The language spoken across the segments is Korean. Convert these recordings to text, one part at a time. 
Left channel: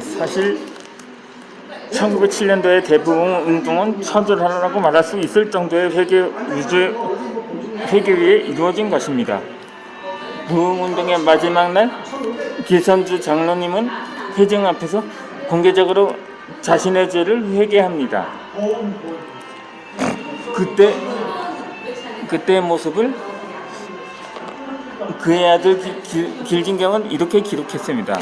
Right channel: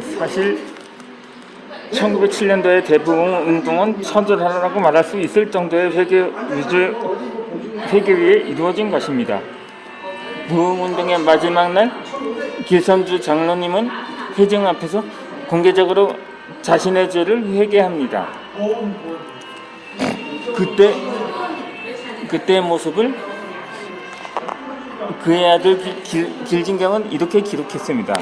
사실 1907년도에 대부흥 운동은 선전하라고 말할 수 있을 정도의 회개에 이루어진 것입니다. 부흥운동의 마지막 날 길선주 장로님은 회중 앞에서 공개적으로 자신의 죄를 회개합니다. 그때의 모습을 그의 아들 길진경은 이렇게 기록했습니다.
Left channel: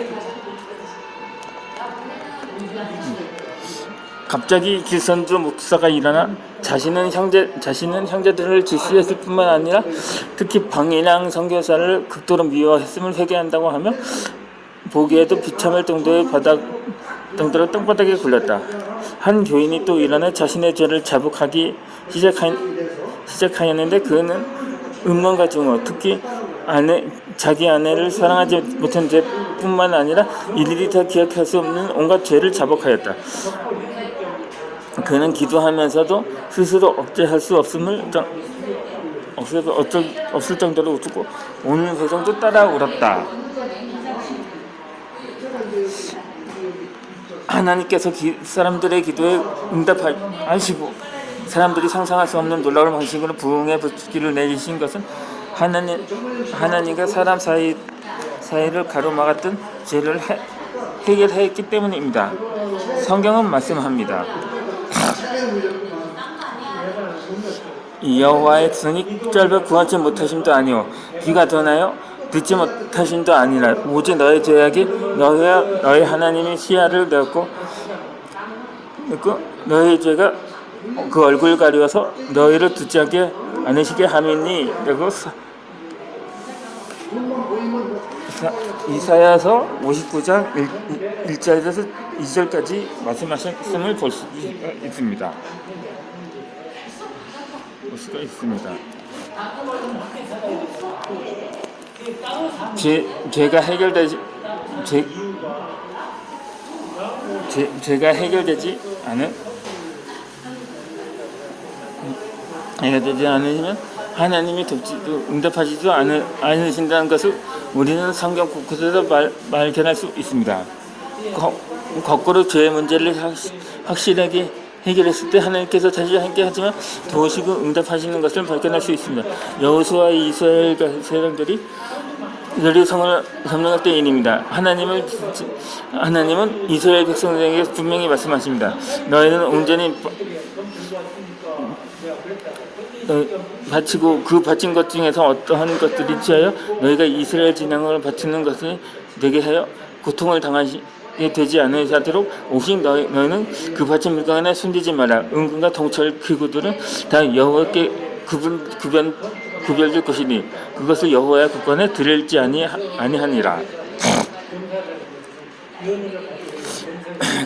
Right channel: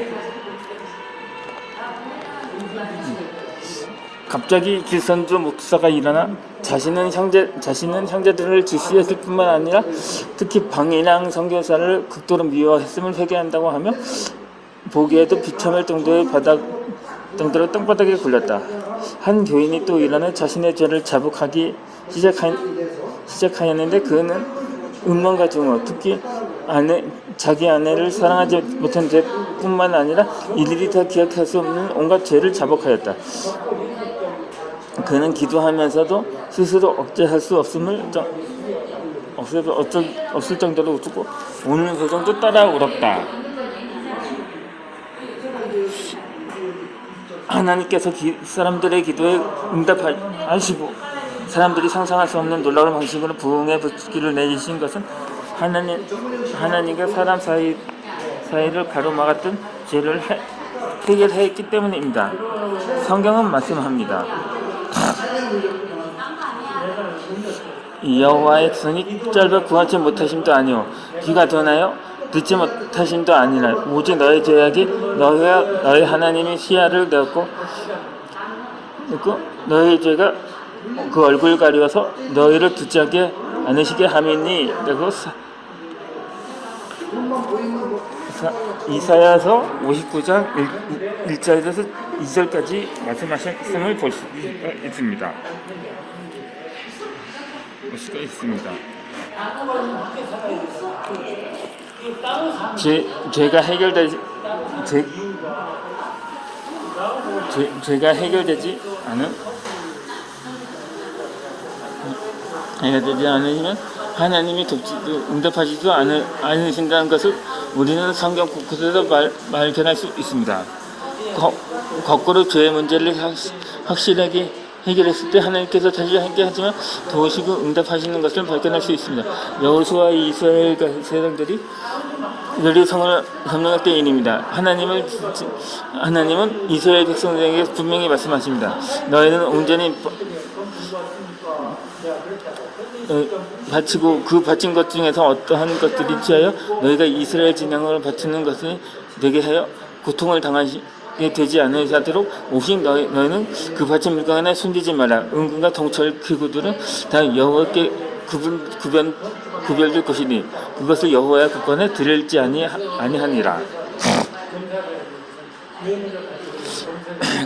갑자기 길선주 목사가 일어나 자신은 형제들을 질시했을 뿐만 아니라 특히 방인양 선교사를 극도로 미워했음을 회개한다고 하며 보기에도 비참할 정도로 땅바닥에 굴렸다. 한 교인이 또 일어나 자신의 죄를 자복하기 시작하였는데 그는 음란과 증오, 특히 자기 아내를 사랑하지 못한 죄뿐만 아니라 일일이 다 기억할 수 없는 온갖 죄를 자복하였다. 그는 기도하면서도 스스로 억제할 수 없을 정도로 웃고 오늘 회중도 따라 울었다. 하나님께서 사람들의 기도에 응답하시고 사람들이 상상할 수 없는 놀라운 방식으로 부흥의 불길을 내리신 것은 하나님과 사람 사이를 가로막았던 죄를 해결했기 때문입니다. 성경은 말씀합니다. 여호와의 손이 짧아 구하지 못하심도 아니오 귀가 더나요 듣지 못하심도 아니라 오직 너의 죄악이 너의 하나님이 시야를 넣고 너의 죄가 그 얼굴 가려서 너희를 듣지 않으시게 함이니 라고 이사야서 59장 1절에서 2절까지 말씀하셨음을 볼 수가 있습니다. 죄가 해결되지 않으면 하나님이 응답하지도 않으신다는 것을 우리는 성경 곳곳에서 발견할 수 있습니다. 거꾸로 죄의 문제를 확실하게 해결했을 때 하나님께서 다시 함께하지만 도우시고 응답하시는 것을 발견할 수 있습니다. 여호수아와 이스라엘 세력들이 성을 점령할 때입니다. 하나님은 이스라엘 백성들에게 분명히 말씀하십니다. 너희는 온전히 바치고 그 바친 것 중에서 어떠한 것들이 취하여 너희가 이스라엘 진영을 바치는 것을 내게 하여 고통을 당하게 되지 않으도록 오직 너희는 그 바친 물건에 숨기지 마라. 은금과 동철 기구들은 다 여호와께 구별될 것이니 그것을 여호와의 국관에 드릴지 아니하니라.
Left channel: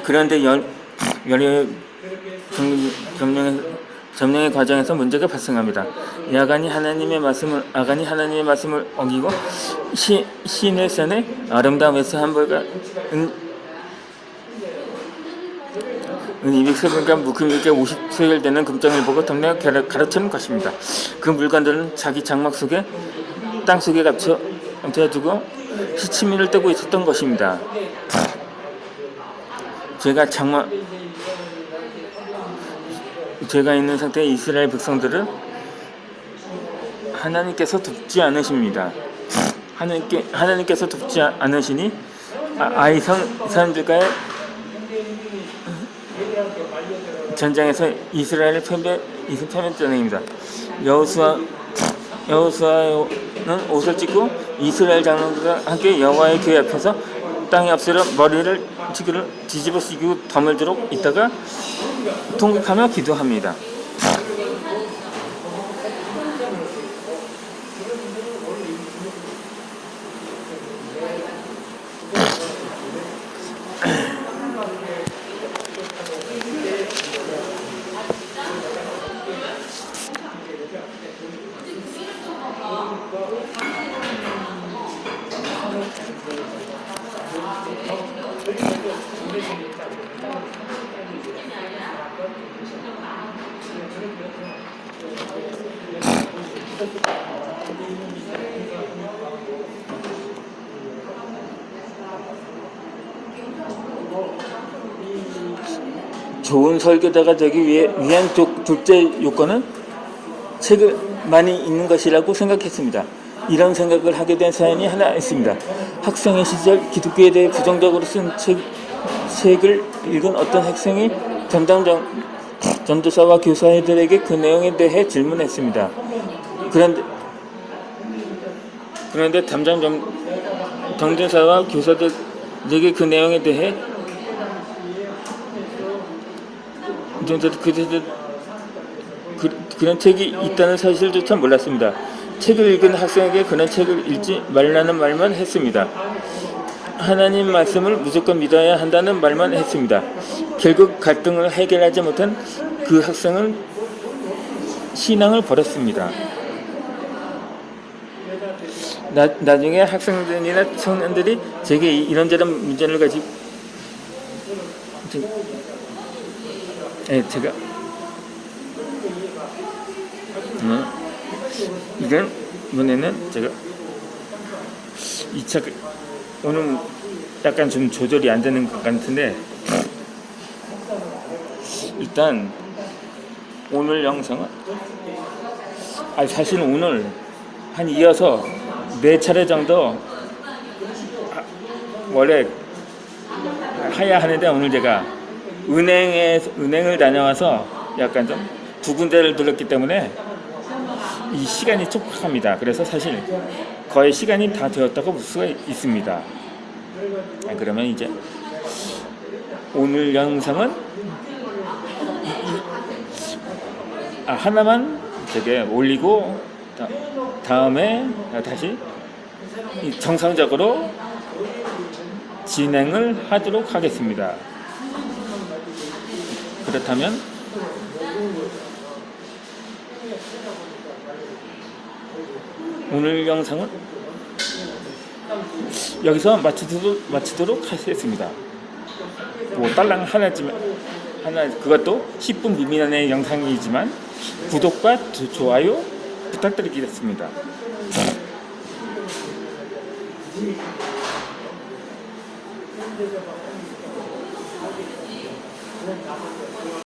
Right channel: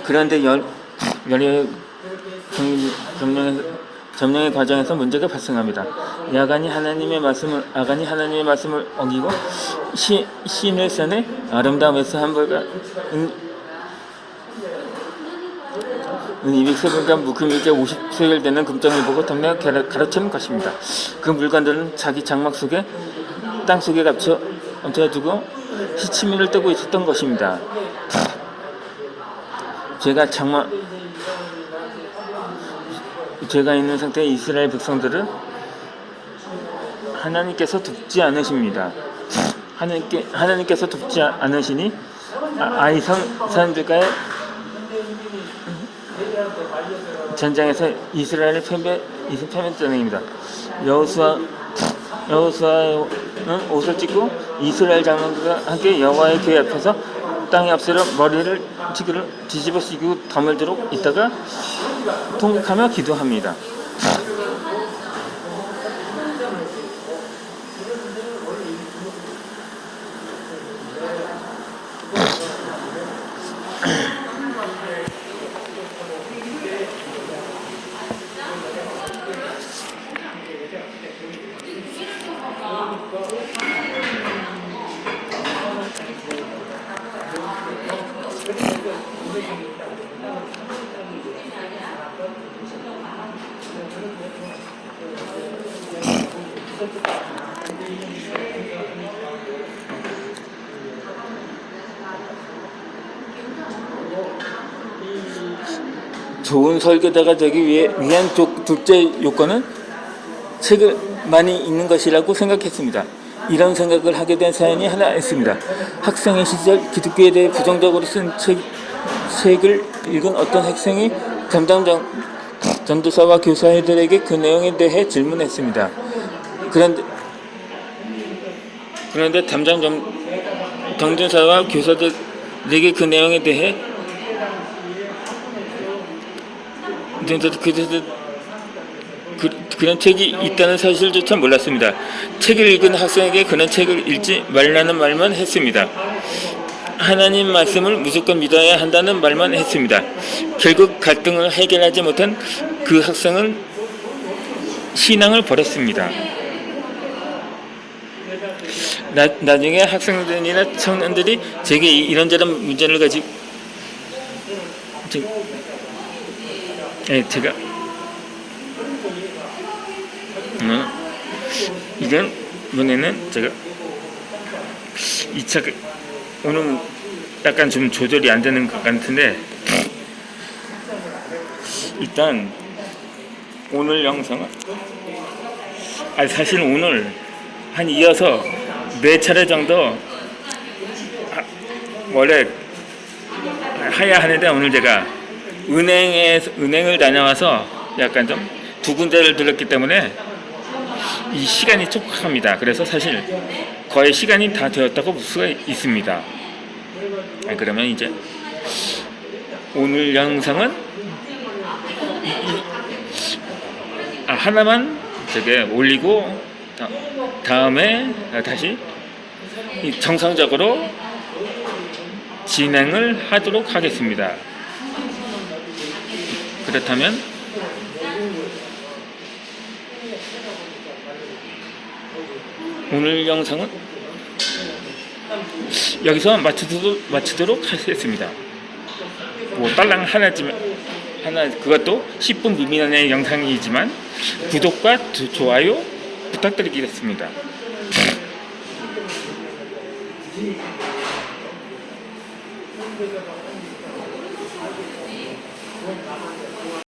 그런데 열의 점령의 과정에서 문제가 발생합니다. 아간이 하나님의 말씀을 어기고 신을 써내 아름다움에서 함벌과 은 200세겔과 묵음에게 50세겔 되는 금장을 보고 덤며 가로챈 것입니다. 그 물건들은 자기 장막 속에 땅 속에 감춰두고 시치미를 뜨고 있었던 것입니다. 죄가 있는 상태의 이스라엘 백성들은 하나님께서 돕지 않으십니다. 하나님께서 돕지 않으시니 아이성 사람들과의 전쟁에서 이스라엘을 패배전입니다. 여호수아는 옷을 찢고 이스라엘 장로들과 함께 여호와의 교회 앞에서 땅에 엎드려 머리를 뒤집어 쓰고 담을 들어 있다가 통곡하며 기도합니다. 좋은 설계자가 되기 위한 둘째 요건은 책을 많이 읽는 것이라고 생각했습니다. 이런 생각을 하게 된 사연이 하나 있습니다. 학생의 시절 기독교에 대해 부정적으로 쓴 책을 읽은 어떤 학생이 담당 전도사와 교사들에게 그 내용에 대해 질문했습니다. 그런데 담당 전도사와 교사들에게 그 내용에 대해 그런 책이 있다는 사실조차 몰랐습니다. 책을 읽은 학생에게 그런 책을 읽지 말라는 말만 했습니다. 하나님 말씀을 무조건 믿어야 한다는 말만 했습니다. 결국 갈등을 해결하지 못한 그 학생은 신앙을 버렸습니다. 나중에 학생들이나 청년들이 제게 이런저런 문제를 가지고 제가 이번에는 제가 이 책 오늘 약간 좀 조절이 안 되는 것 같은데 일단 오늘 영상은 사실 오늘 한 이어서 4차례 정도 원래 해야 하는데 오늘 제가 은행을 다녀와서 약간 좀 2군데를 들렀기 때문에 이 시간이 촉박합니다. 그래서 사실 거의 시간이 다 되었다고 볼 수가 있습니다. 그러면 이제 오늘 영상은 하나만 저게 올리고 다음에 다시 정상적으로 진행을 하도록 하겠습니다. 그렇다면 오늘 영상은 여기서 마치도록 하겠습니다. 딸랑 하나지만 그것도 10분 미만의 영상이지만 구독과 좋아요 부탁드리겠습니다.